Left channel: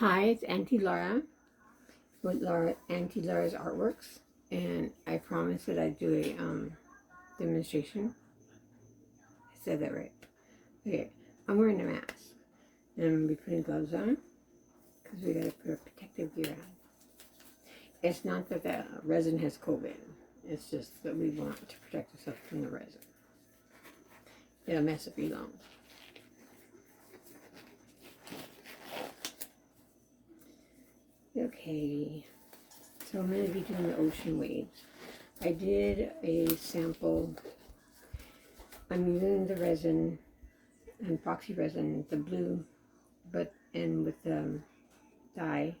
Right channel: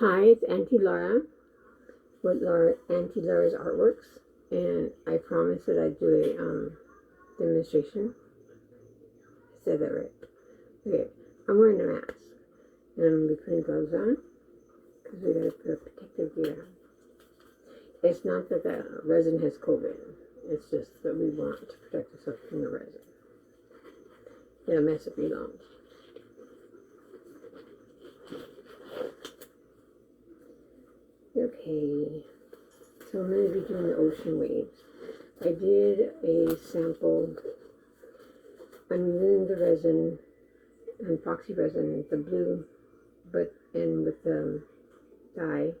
Hi, it's Auntie Laura with Auntie Laura's Artworks, and I promised that I'd do a demonstration. I said that right. Okay, I'm wearing a mask, and I'm gonna be putting gloves on because we gotta put our protective gear on. It's not that the resin has COVID. It's just that we want to protect ourselves from the resin. It'll mess up your lungs. Okay, so I'm going to be doing the ocean waves. I did a sample. I'm using the resin, epoxy resin, the blue, and with the dye.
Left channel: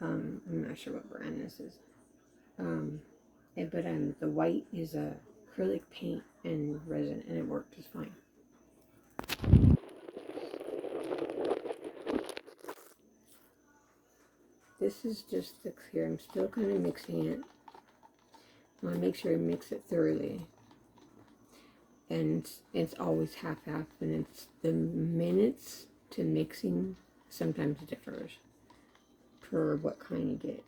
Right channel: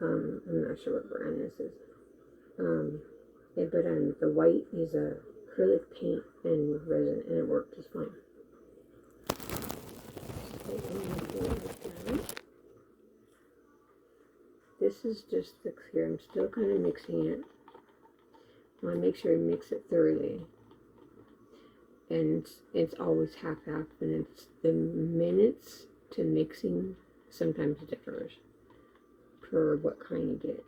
I'm not sure what brand this is. The white is acrylic paint and resin, and it worked just fine. This is just the clear. I'm still kind of mixing it. I want to make sure I mix it thoroughly. And it's always half-half, and it's the minutes to mixing sometimes differs per what kind you get.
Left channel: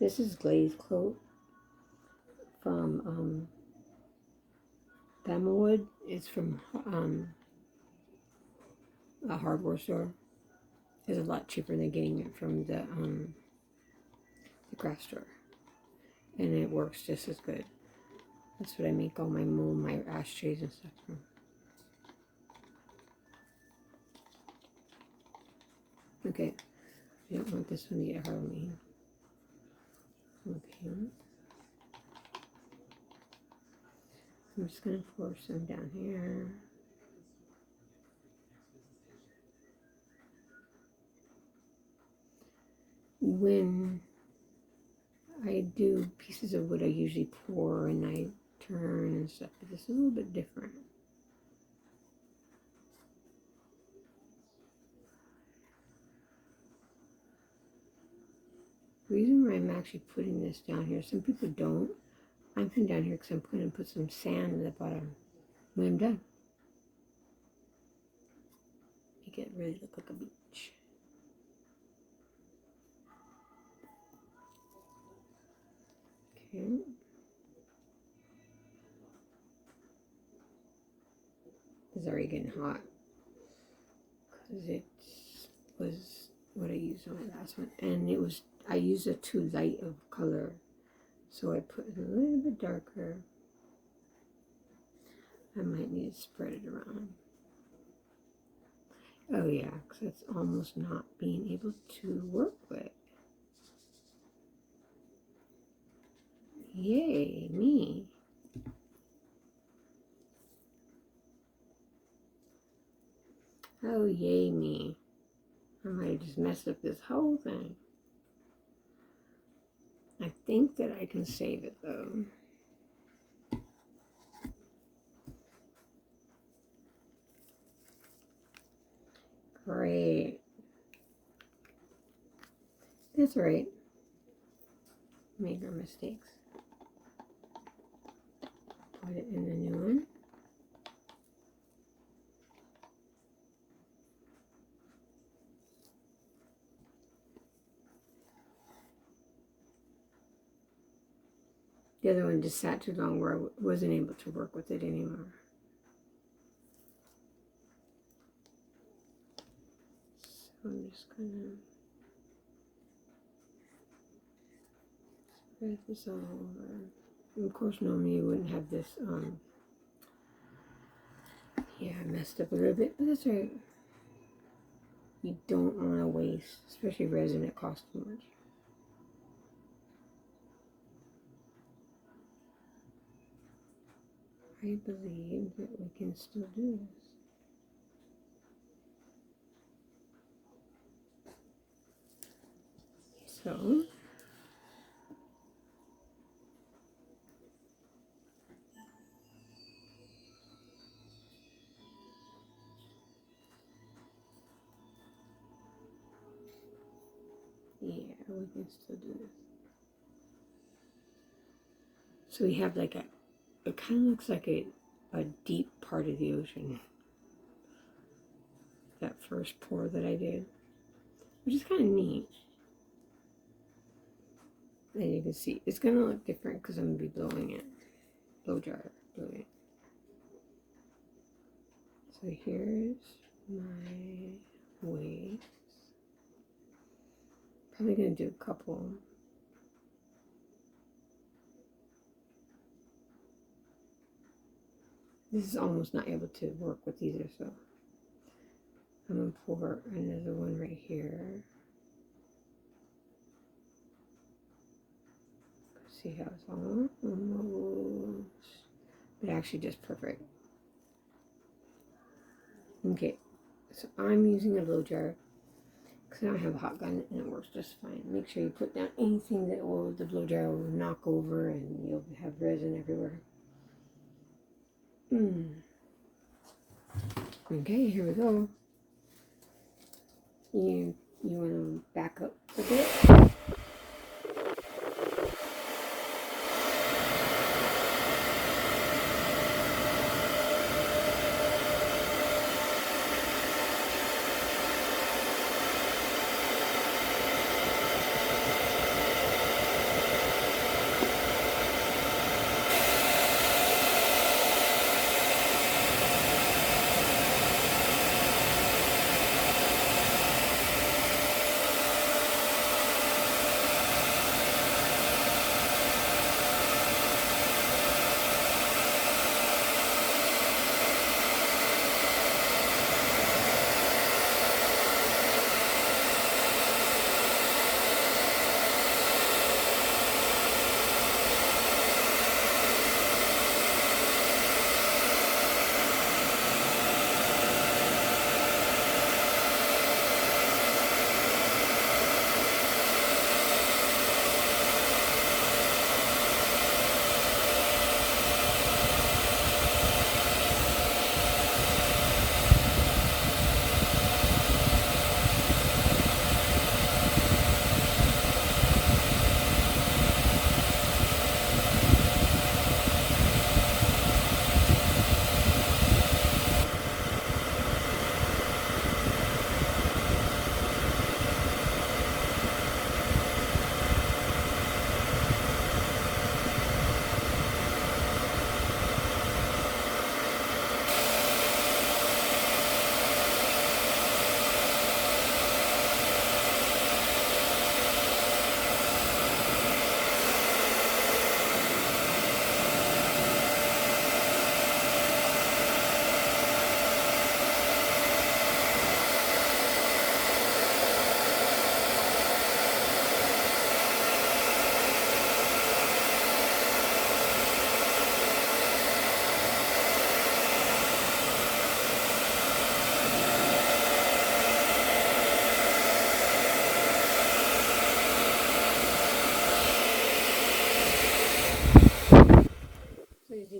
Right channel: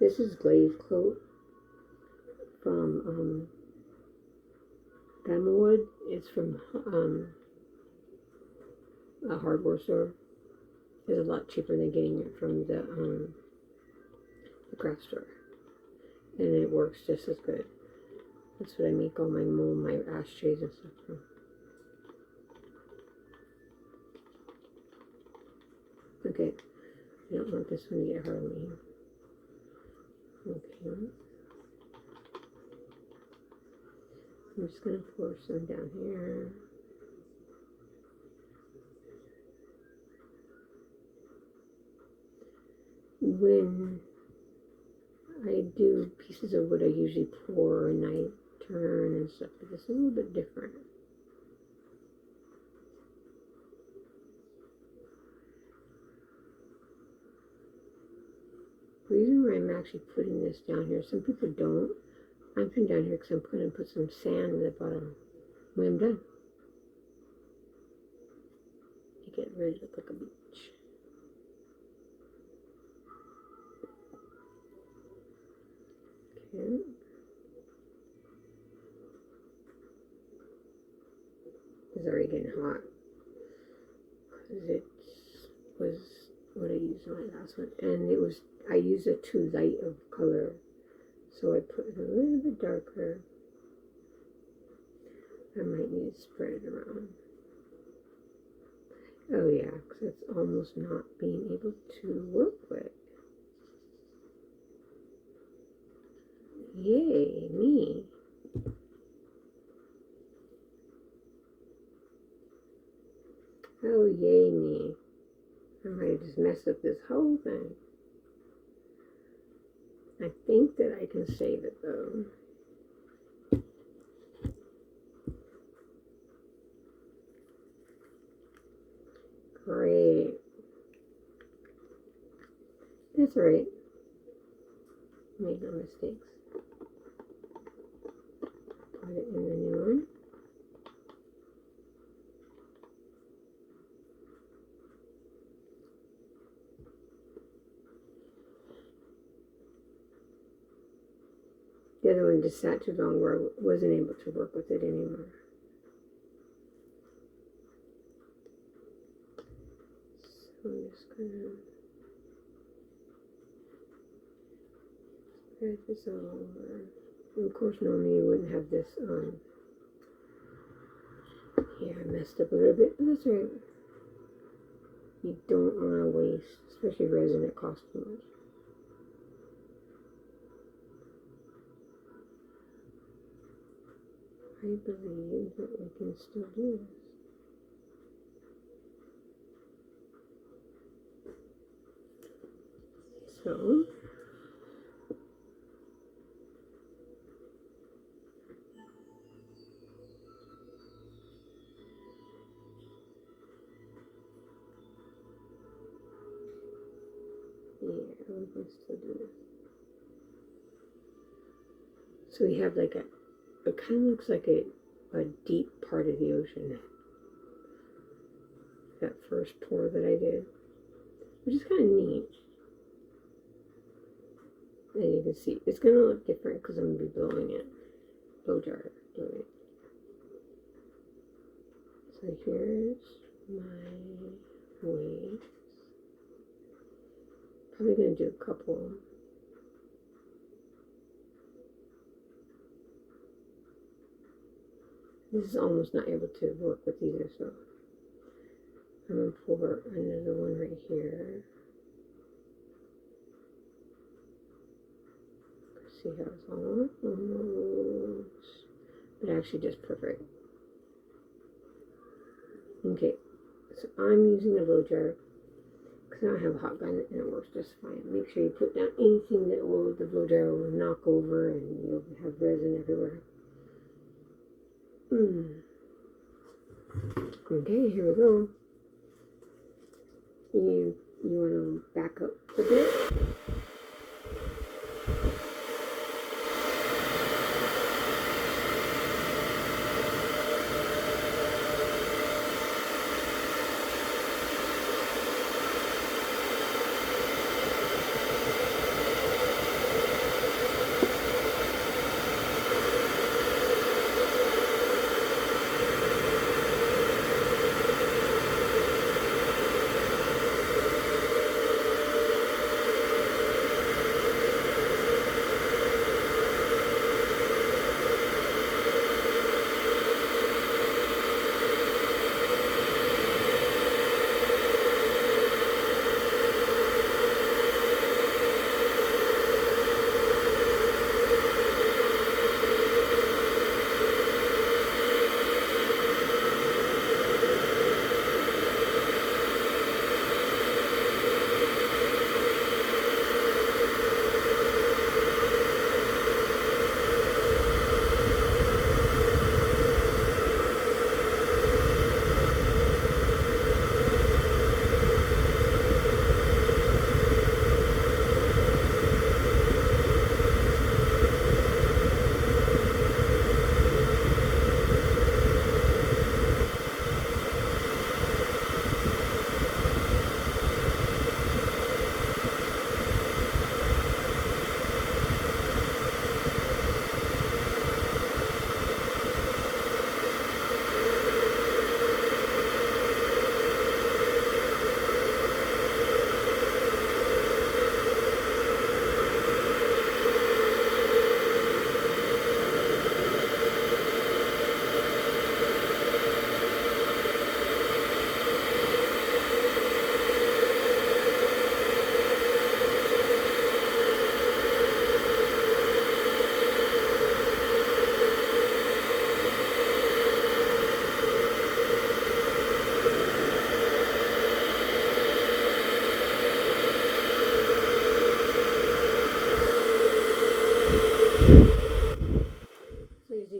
This is glaze coat from Bamawood. It's from a hardware store. It's a lot cheaper than getting it from the craft store, and it works just as good. That's what I make all my ashtrays and stuff from. Okay, I don't want this one to get hard on me. Okay, I'm just gonna pour some down here. When I do pieces of wood, I usually pour and I turn and stuff, but this is a little bit different. The reason why I'm actually putting this down here, some people don't. I'm putting down here because I'm going to put some sand at the bottom when I'm done. Make it really look like a beach. Okay. It's already getting hot because it was what I used on my last one, and I used a too light of color, so I put it a little bit darker. I might need to spread it around. Oh yeah, because it's almost not being able to work with. Yay, me. Oh, yay, me. I might have just messed up this whole thing. I think that I can save it, though. Great. That's right. Make our mistakes. Put it in the new one. The other one just sat too long where I wasn't able to work with it anymore. So I'm just gonna spread this all over. And of course, normally you wouldn't have this. Yeah, I messed up a little bit, but that's right. You don't want to waste, especially resin that costs too much. I believe that we can still do this. So, yeah, we can still do this. So we have like it kind of looks like a deep part of the ocean. That first pour that I did. which is kind of neat. And you can see it's gonna look different because I'm gonna be blowing it, blow dryer, blow it. So here's my waves. Probably gonna do a couple. This is almost not able to work with either, so I'm gonna pour another one right here. See how it's almost, but actually just perfect. Okay, so I'm using a blow jar because I don't have a hot gun and it works just fine. Make sure you put down anything that the blow jar will knock over and you'll have resin everywhere. Okay, here we go. You want to back up a bit.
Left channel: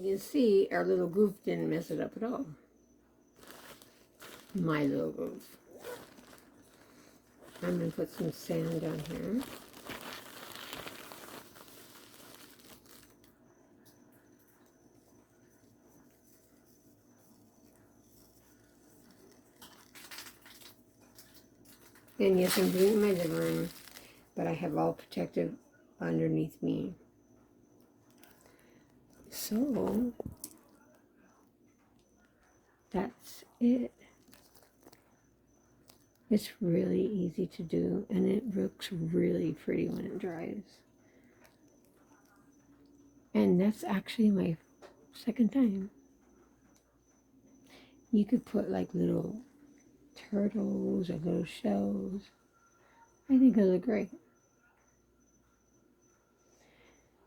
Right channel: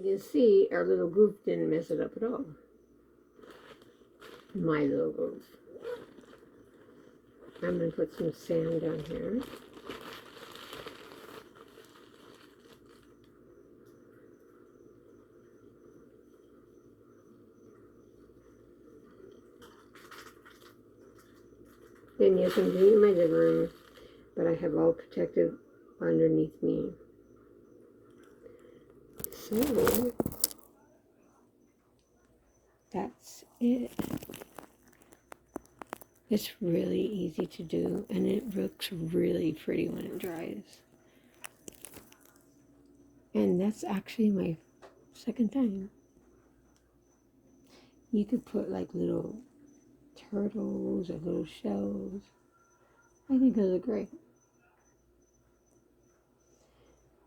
You see our little goof didn't mess it up at all. My little goof. I'm going to put some sand down here. Then yes, I'm doing my living room, but I have all protective underneath me. So that's it. It's really easy to do, and it looks really pretty when it dries. And that's actually my second time. You could put like little turtles or little shells. I think it'll look great.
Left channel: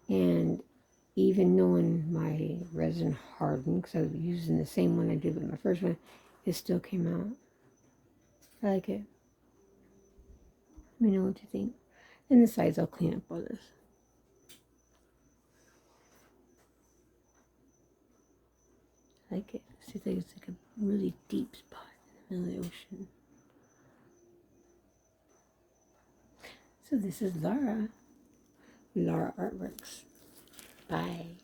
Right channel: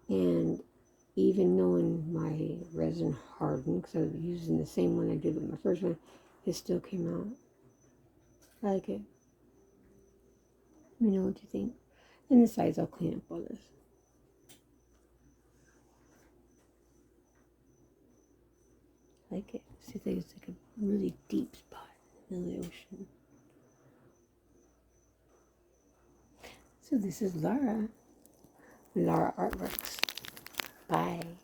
And even knowing my resin hardened, because I was using the same one I did with my first one, it still came out. I like it. Let me know what you think. And the sides I'll clean up all this. I like it. See, it's like a really deep spot in the middle of the ocean. So this is Laura Artworks. Bye.